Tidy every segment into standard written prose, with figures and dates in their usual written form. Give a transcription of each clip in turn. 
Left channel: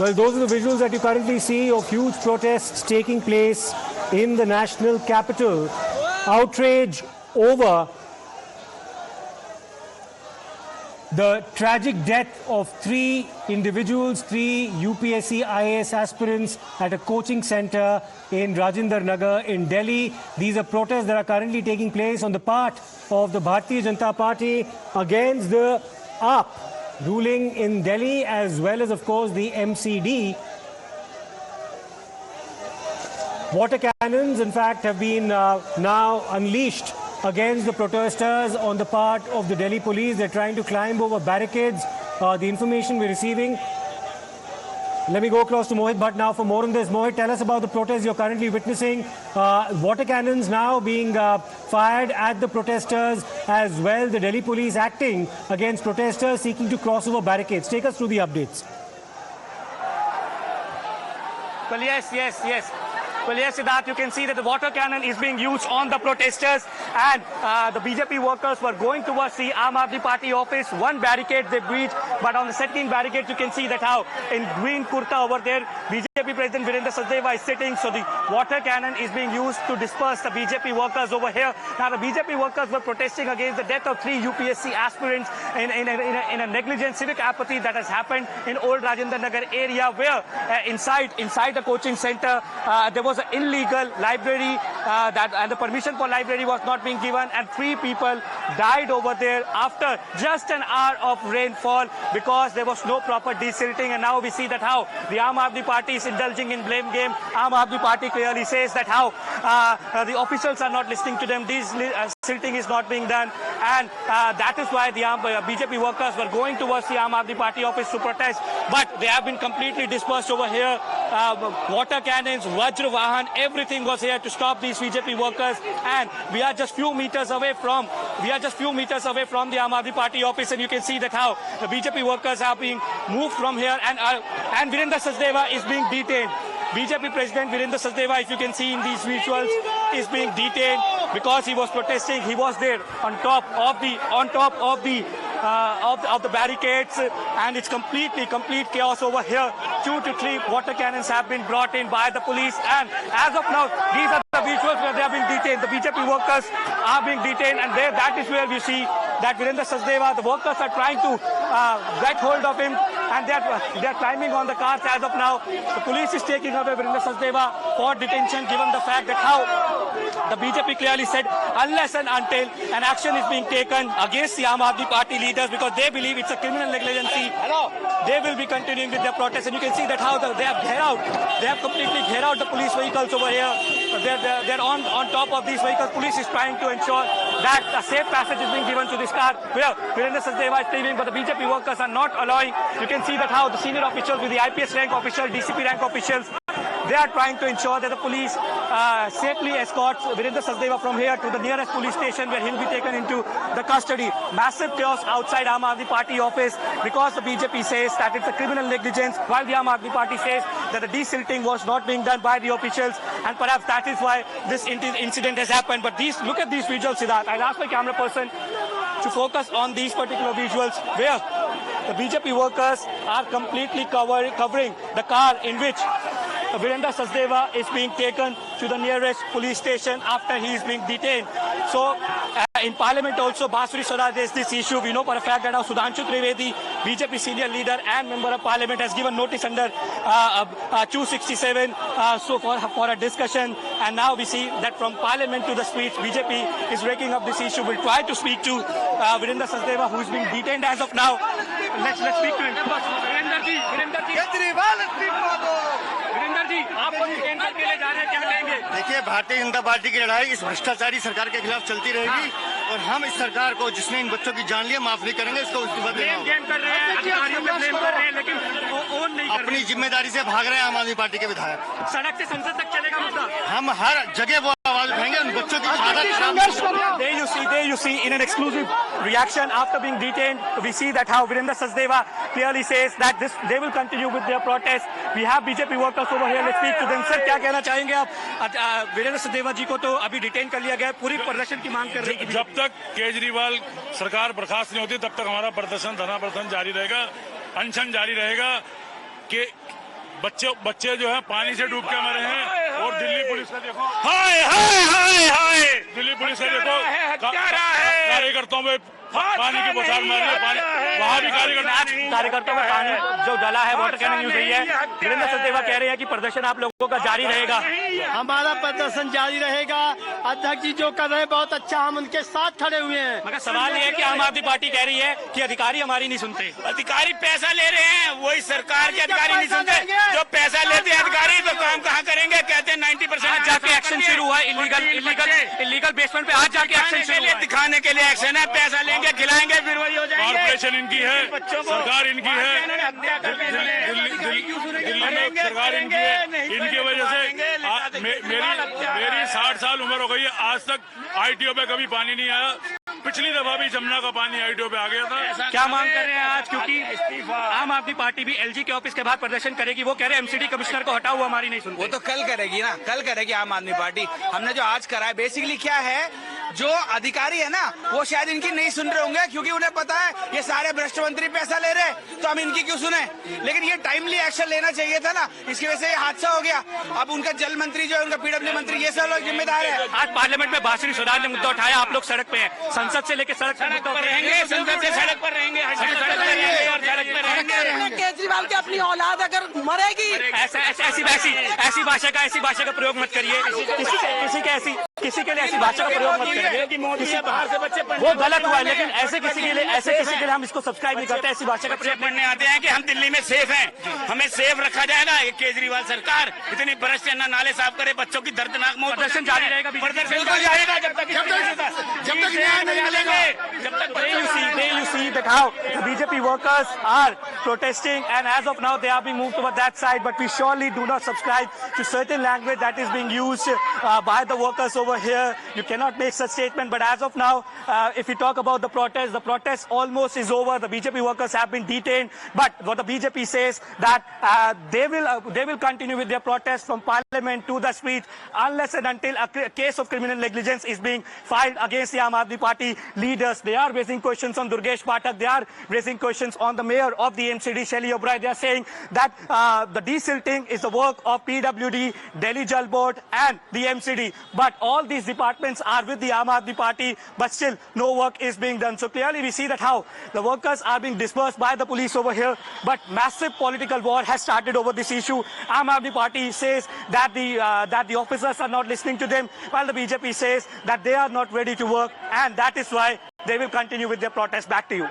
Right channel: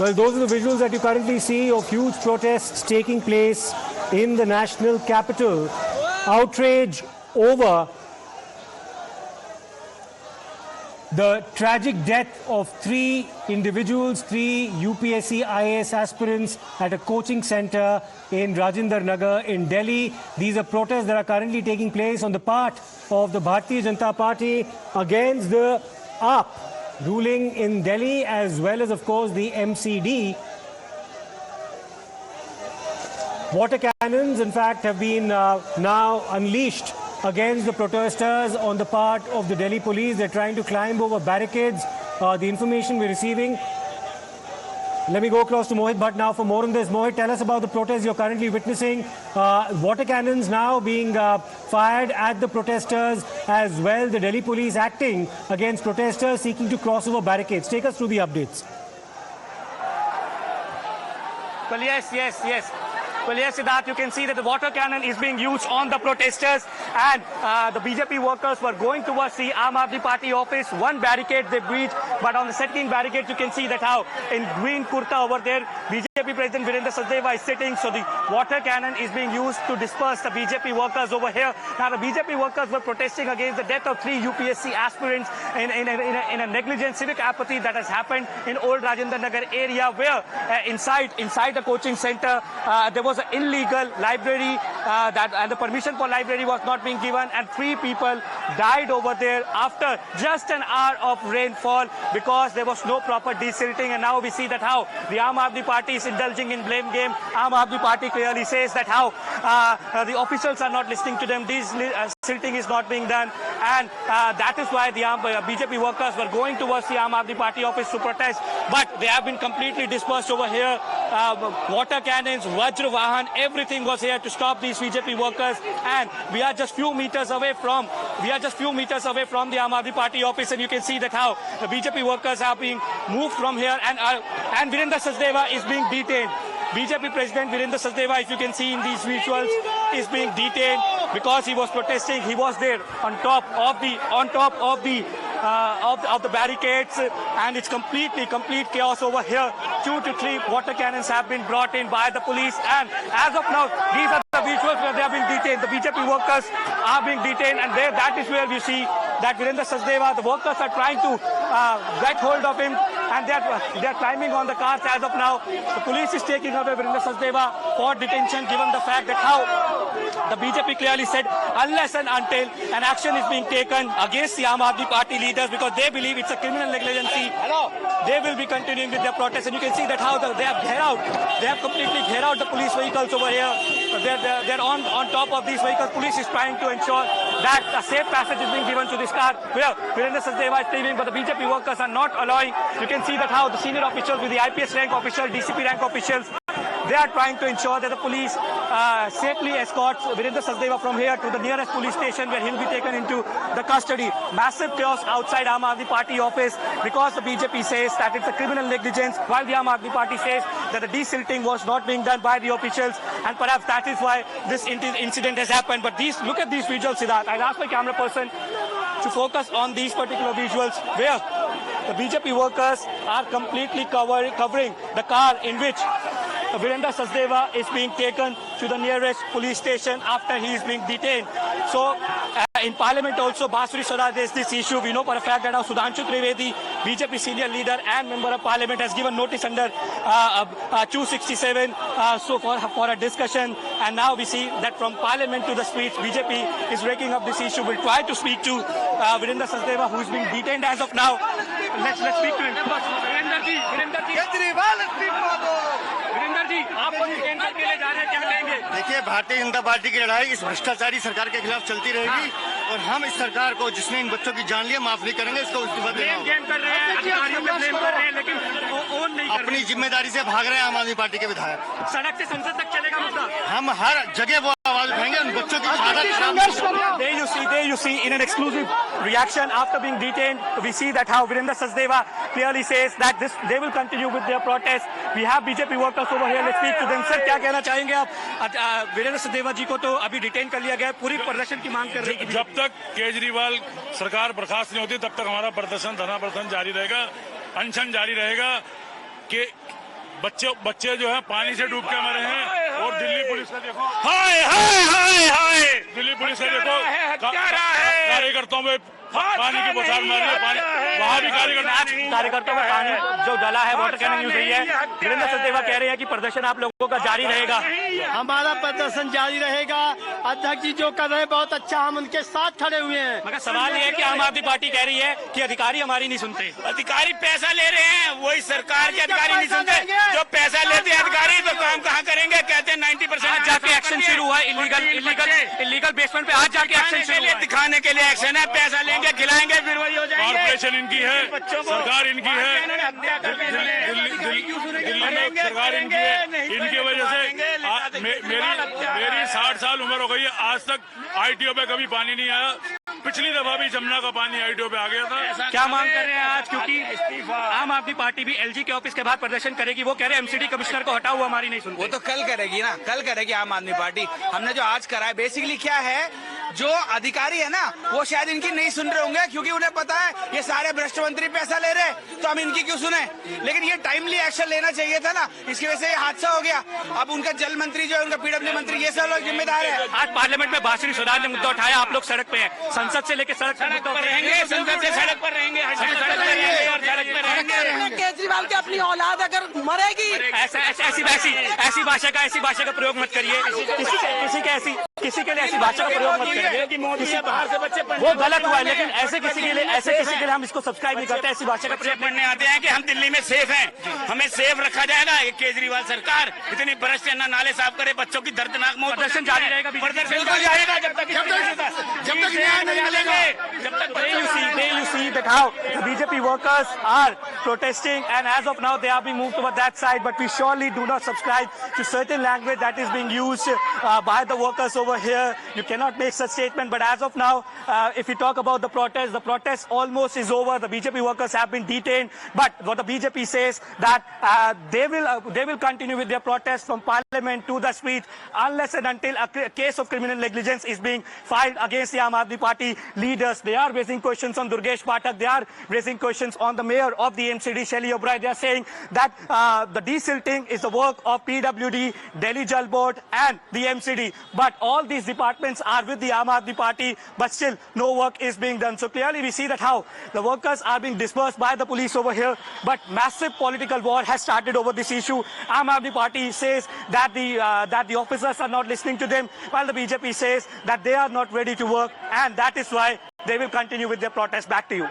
Well, those are the visuals that you currently see of huge protests taking place in the national capital. Outrage over the tragic death of three individuals, three UPSC IAS aspirants at a coaching center in Rajinder Nagar in Delhi. These are protests that are currently taking place on the part of the Bharatiya Janata Party against the AAP ruling in Delhi, as well as, of course, the MCD. Water cannons, in fact, have been now unleashed against the protesters on the part of the Delhi police. They're trying to climb over barricades. The information we're receiving. Let me go across to Mohit Bhatt now for more on this. Mohit, tell us about the protests you're currently witnessing. Water cannons now being fired at the protesters, as well the Delhi police acting against protesters seeking to cross over barricades. Take us through the updates. Well, yes. Well, yes, Siddharth, you can see that the water cannon is being used on the protesters, and the BJP workers were going towards the Aam Aadmi Party office. One barricade they breached, but on the second barricade you can see that how in green kurta over there, BJP President Virendra Sachdeva is sitting, so the water cannon is being used to disperse the BJP workers over here. Now, the BJP workers were protesting against the death of three UPSC aspirants in a negligent civic apathy that has happened in Old Rajinder Nagar area, where inside the coaching center there was an illegal library and the permission for library was not being given, and three people died over there after just an hour of rainfall because there was no proper desilting. And now we see that how the Aam Aadmi Party is indulging in blame game. Aam Aadmi Party clearly says that how the officials are not listening to them, desilting is not being done, and that is why the BJP workers were going towards the Aam Aadmi Party office to protest, but they have been completely dispersed over here. Water cannons, Vajra Vahan, everything was here to stop these BJP workers, and we are just few meters away from the Aam Aadmi Party office, and you can see that how the BJP workers are being moved from here, and Virendra Sachdeva is being detained. BJP President Virendra Sachdeva, if you can see in these visuals, is being detained because he was protesting. He was there on top of the barricades, and it's complete chaos over here. 2 to 3 water cannons have been brought in by the police, and as of now, these are the visuals where they have been detained. The BJP workers are being detained, and that is where we see that Virendra Sachdeva, the workers are trying to get hold of him, and they are climbing on the cars as of now. The police is taking away Virendra Sachdeva for detention, given the fact that how the BJP clearly said unless and until an action is being taken against the Aam Aadmi Party leaders, because they believe it's a criminal negligence, they will be continuing with their protest. And you can see that how they have completely cleared out the police vehicles over here. They're on top of these vehicles. Police is trying to ensure that a safe passage is being given to this car where Virendra Sachdeva is leaving, but the BJP workers are not allowing. You can see that how the senior officials with the IPS rank officials, DCP rank officials, they are trying to ensure that the police safely escorts Virendra Sachdeva from here to the nearest police station where he'll be taken into the custody. Massive chaos outside Aam Aadmi Party office because the BJP says that it's a criminal negligence, while the Aam Aadmi Party says that the desilting was not being done by the officials, and perhaps that is why this incident has happened. But look at these visuals, Siddharth. I'll ask my camera person to focus on these particular visuals where the BJP workers are completely covering the car in which Virendra Sachdeva is being taken to the nearest police station after he is being detained. So, in Parliament also, Basuri Swaraj raised this issue. We know for a fact that now Sudhanshu Trivedi, BJP senior leader and member of Parliament, has given notice under 267 for a discussion. And now we see that from Parliament to the streets, BJP is raking up this issue. We'll try to speak to Virendra Sachdeva, who is being detained as of now. Let's speak to him. देखिए, Bharatiya Janata party की लड़ाई इस भ्रष्टाचारी सरकार के खिलाफ चलती रहेगी, और हम इस सरकार को, जिसने इन बच्चों की जान लिया, माफ नहीं करेंगे। इसको अपनी जिम्मेदारी से भाग रहे हैं आम आदमी पार्टी के विधायक। सड़क से संसद तक चलेगा मुद्दा। हम हर जगह वो आवाज उठाएंगे उन बच्चों की। There you see in an exclusive reaction after being detained, we see that how Virendra Sachdeva clearly says that they will continue with their protest. We have BJP workers over here. Let's speak to them. Sir, क्या कहना चाहेंगे आप? वीरेंद्र सचदेवा जी को तो अभी detain कर लिया गया, पूरी प्रदर्शन की मांग कर रही है। जब तक केजरीवाल सरकार बर्खास्त नहीं होती तब तक हमारा प्रदर्शन, धरना प्रदर्शन जारी रहेगा, अनशन जारी रहेगा कि बच्चे जो है पानी से डूब के मरे हैं। और दिल्ली पुलिस का देखो, हाय हाय हाय हाय, दिल्ली पुलिस का देखो कार्यकर्ताओं में पानी की बौछार मार रही है। पानी वहाँ भी कार्यकर्ताओं में पानी जो डला है, वाटर कैनिंग यूज हुई है। वीरेंद्र सचदेवा कह रहे हैं कि प्रदर्शन आप लोगों का जारी रहेगा। हमारा प्रदर्शन जारी रहेगा। अध्यक्ष जी जो कर रहे हैं बहुत अच्छा, हम उनके साथ खड़े हुए हैं। मगर सवाल ये है कि आम आदमी पार्टी कह रही है कि अधिकारी हमारी नहीं सुनते। अधिकारी पैसा ले रहे हैं, वही सरकार के अधिकारी नहीं सुनते। जो पैसा लेते हैं अधिकारी तो काम कहाँ करेंगे? कहते हैं 90% आज जाके एक्शन शुरू हुआ है, इलीगल बेसमेंट पे आज जाके एक्शन शुरू हुआ है। दिखाने के लिए एक्शन है। पैसा लेंगे, खिलाएंगे, फिर वही हो जाएंगे। कॉर्पोरेशन इनकी है, सरकार इनकी है, दिल्ली में सरकार इनकी है। इनकी वजह से मेरी 60 साल उम्र हो गई है, आज तक आईटीओ पे कभी पानी नहीं आया। पिछली दफा भी जमुना का पानी आईटीओ पे आ गया था। क्या मांग कर रहे हैं आज? क्योंकि आम आदमी पार्टी भी एलजी के ऑफिस के बाहर प्रदर्शन करेगी। वो कह रहे हैं एमसीडी कमिश्नर को हटाओ, हमारी नहीं सुनते। वो तो कल करेगी ना, कल करेगी आम आदमी पार्टी। हमने जो आज करा है बेसिकली क्या है, जो अधिकारी है ना वो शायद इनकी नहीं सुन रहे होंगे, क्योंकि उन्हें पता है ये सारे भ्रष्ट मंत्री पैसा ले रहे, तो हम इनकी क्यों सुने। लेकिन ये टाइमली एक्शन लेना चाहिए था ना, इसकी वजह से ये हादसा हो गया। अब उनका जल मंत्री जो है, उनका पीडब्ल्यू मंत्री, ये सब लोग जिम्मेदार है। आज पार्लियामेंट में बांसुरी सुधार ने मुद्दा उठाया, आप लोग सड़क पे हैं। संसद से लेकर सड़क तक मुद्दा रहेंगे, संसद से सड़क पर रहेंगे, सड़क पर रहेंगे। केजरीवाल की अपनी औलाद अगर मरेगी, ऐसी भाषा का प्रयोग मत करिए। किसी के लिए ऐसी भाषा का प्रयोग मत करिए। बाहर से बच्चे वो गलत हुआ है, लेकिन ऐसे किसी के लिए हम इसको सब्सक्राइब नहीं करते। ऐसी भाषा का प्रयोग पढ़ने आते हैं कि हम दिल्ली में सेफ हैं, हमें सेफ रखा जाएगा। ये केजरीवाल सरकार इतनी भ्रष्ट है, ना नाले साफ करे, बच्चों की दर्दनाक मौत। प्रदर्शन जारी रहेगा, प्रदर्शन जाएगा जब तक न्याय नहीं मिलेंगे, जब तक। You see that how the BJP workers are protesting, and as of now they are being moved toward that side. But we surely do not subscribe to certain language that is being used by the workers over here. You cannot make such statement. But as of now, if you talk about the protest almost is over. The BJP workers have been detained. But what the BJP says that they will continue with their protest from Parliament to the streets unless and until a case of criminal negligence is being filed against the Aam Aadmi Party leaders. They are raising questions on Durgesh Pathak. They are raising questions on the mayor of the MCD, Shelly O'Brien. They are saying that the desilting is the work of PWD, Delhi Jal Board and the MCD. But all these departments are with the Aam Aadmi Party, but still no work is being done. So clearly we see that how the workers are being dispersed by the police over here, but massive political war has started over this issue. Aam Aadmi Party says that the officers are not listening to them, while the BJP says that they are not ready to work, and that is why they will continue with their protest. Back to you.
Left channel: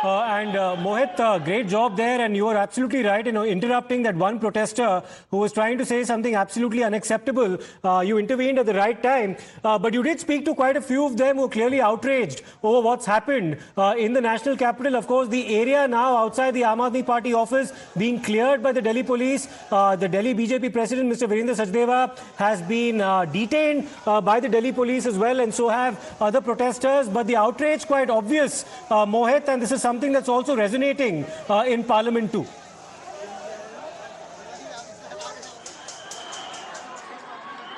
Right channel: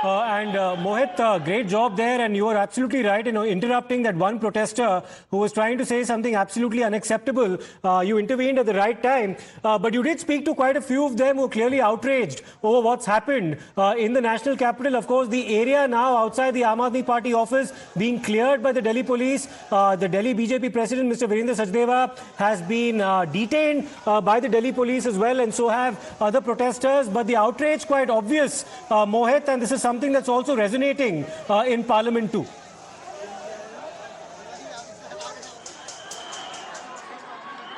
Mohit, great job there, and you are absolutely right, interrupting that one protester who was trying to say something absolutely unacceptable. You intervened at the right time, but you did speak to quite a few of them who are clearly outraged over what's happened in the national capital. Of course, the area now outside the Aam Aadmi Party office being cleared by the Delhi police. The Delhi BJP president, Mr. Virendra Sachdeva, has been detained by the Delhi police as well, and so have other protesters. But the outrage quite obvious, Mohit, and this is something that's also resonating in Parliament too.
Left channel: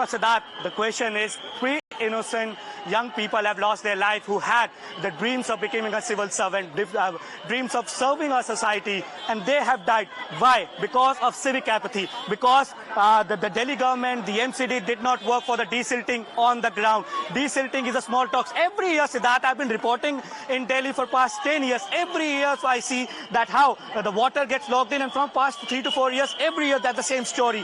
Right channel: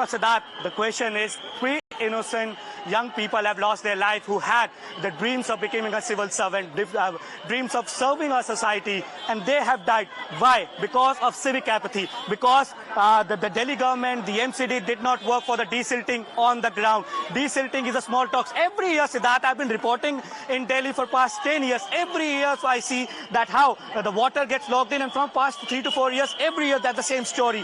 Siddharth, the question is, three innocent young people have lost their life who had the dreams of becoming a civil servant, dreams of serving our society, and they have died. Why? Because of civic apathy. Because the Delhi government, the MCD, did not work for the desilting on the ground. Desilting is a small talk. Every year, Siddharth, I've been reporting in Delhi for past 10 years. Every year I see that how the water gets locked in, and from past 3 to 4 years, every year that's the same story.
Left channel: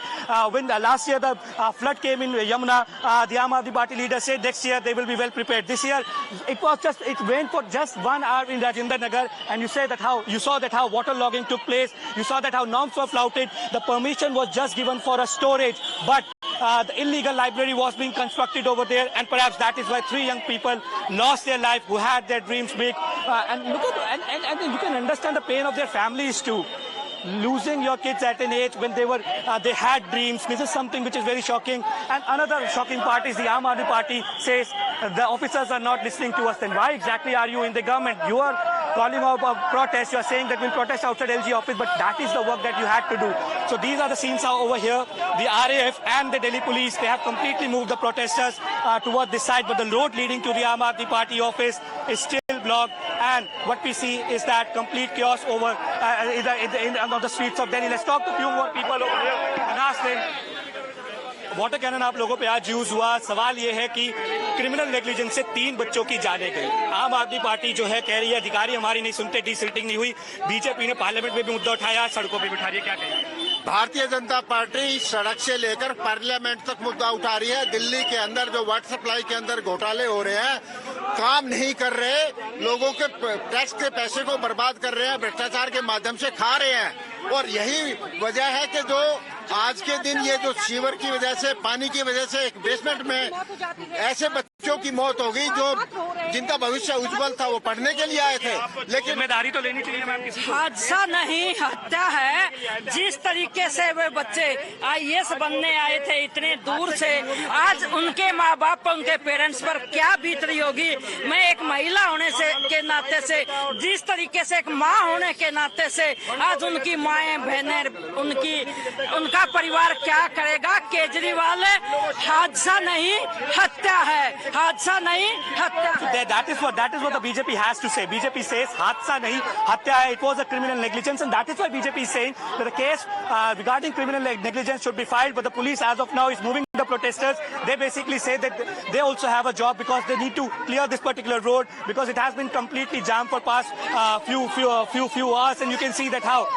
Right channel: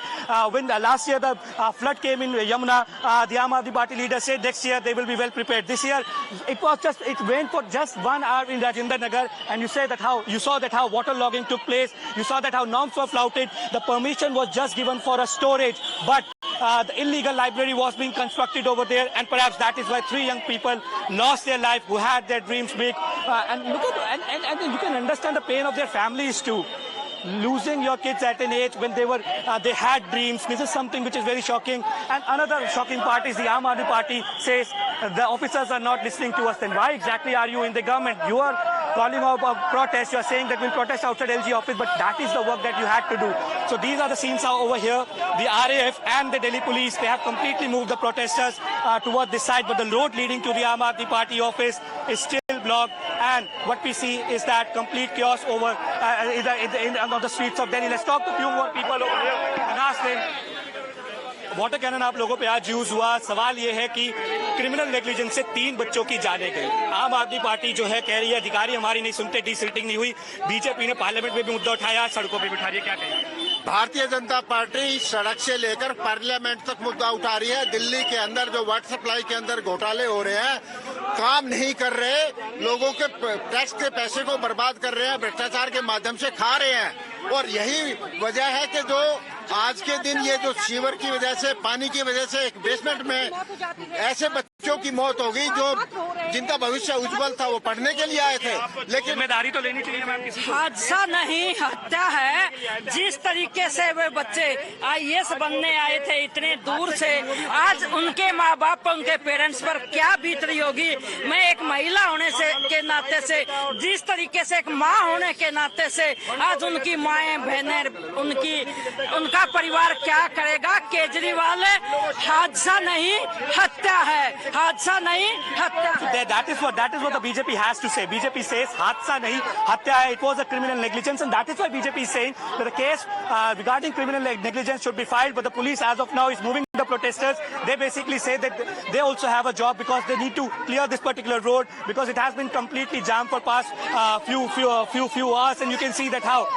When last year the flood came in Yamuna, the Aam Aadmi Party leader said next year they will be well prepared. This year it rained for just 1 hour in Rajendra Nagar, and you saw that how water logging took place. You saw that how norms were flouted. The permission was just given for a storage, but the illegal library was being constructed over there, and perhaps that is why 3 young people lost their life who had their dreams big. And you can understand the pain of their families too. Losing your kids at an age when they had dreams. This is something which is very shocking. And another shocking part is the Aam Aadmi Party says the officers are not listening to us. Then why exactly are you in the government? You are calling out a protest. You are saying that we'll protest outside LG office, but that is the work that you had to do. So these are the scenes over here. The RAF and the Delhi police, they have completely moved the protesters toward this side, but the road leading to the Aam Aadmi Party office is still blocked. And what we see is that complete chaos over on the streets of Delhi. Let's talk to a few more people over here and ask them. Water cannon आप लोगों पे आज use हुआ. सवाल ये है कि criminal negligence से 3 बच्चों की जाने गई. आम आदमी पार्टी जो है कह रही है अधिकारी हमारी नहीं सुनते, डिसिल्टिंग नहीं हुई. बीजेपी ने पार्लियामेंट में भी मुद्दा उठाया, सड़कों पे बिठा रही है. क्या कहेंगे? भारतीय जनता पार्टी सड़क से लेकर पार्लियामेंट तक मुद्दा उठा रही है. दिल्ली के अंदर जो वाटर सप्लाई के अंदर घोटाले हो रहे हैं, काम नहीं कर रहे, लोगों के टैक्स के पैसे को बर्बाद कर रहे हैं, भ्रष्टाचार के माध्यम से खा रहे हैं. और यही वजह है कि जो आज के दिन ये जो सीवर की वजह से, पानी की वजह से एक बेसमेंट में ऐसे बच्चों की मौत हो गई जो जिनका भविष्य उज्जवल था, वो पढ़ने के लिए आए थे. लेकिन जिम्मेदारी तो लेनी चाहिए मैम किसी को. हादसा नहीं, हत्या है. जिस तरीके से वे बच्चे IAS बनने आए थे इतने दूर से, आज उनके माँ बाप पर, उनके पेरेंट्स पर क्या बीत रही होगी. मैं एक महिला होने से के नाते से, जिस तरीके से एक माँ होने के नाते से, आज उनकी माएं बहनें, उनका परिवार क्या करेगा. केजरीवाल हादसा नहीं हत्या है, हादसा नहीं हत्या है. That is what the BJP has to say. BJP says हादसा नहीं हत्या है. It was a criminal negligence, and that is why BJP is saying that the case regarding criminal negligence should be filed. But the police, as of now, is moving the protesters. They basically say that they also have a job because they need to clear this particular road because it has been completely jammed for past few hours, and you can see that how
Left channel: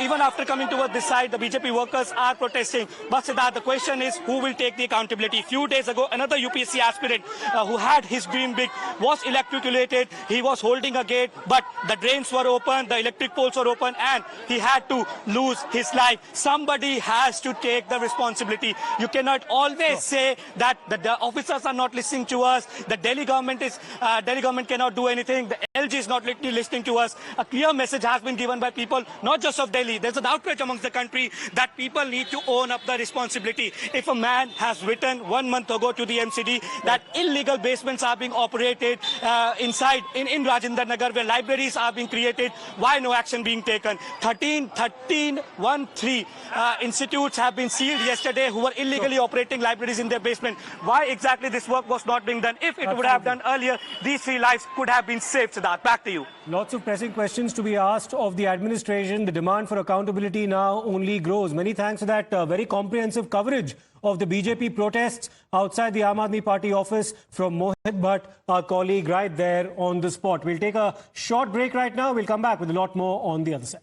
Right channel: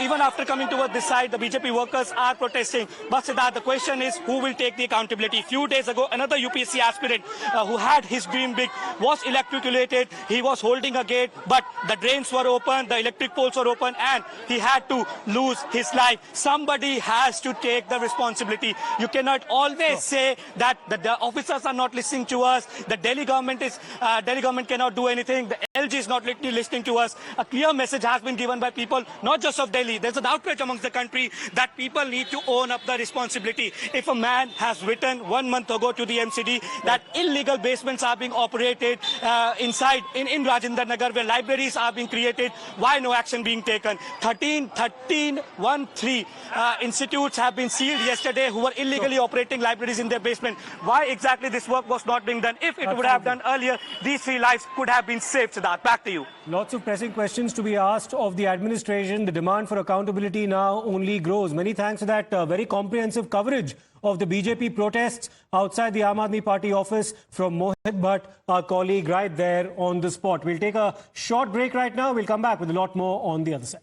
even after coming towards this side, the BJP workers are protesting. But Siddharth, the question is who will take the accountability? Few days ago, another UPSC aspirant who had his dream big was electroculated. He was holding a gate, but the drains were open, the electric poles were open, and he had to lose his life. Somebody has to take the responsibility. You cannot always say that the officers are not listening to us. The Delhi government cannot do anything. The LG is not listening to us. A clear message has been given by people, not just of Delhi. There's an outrage amongst the country that people need to own up the responsibility. If a man has written 1 month ago to the MCD that illegal basements are being operated inside in Rajendra Nagar, where libraries are being created, why no action being taken? 13 institutes have been sealed yesterday who were illegally operating libraries in their basement. Why exactly this work was not being done? If it would have done earlier, these 3 lives could have been saved. Siddharth, back to you. Lots of pressing questions to be asked of the administration. The demand for accountability now only grows. Many thanks for that very comprehensive coverage of the BJP protests outside the Aam Aadmi Party office from Mohit Bhatt, our colleague right there on the spot. We'll take a short break right now. We'll come back with a lot more on the other side.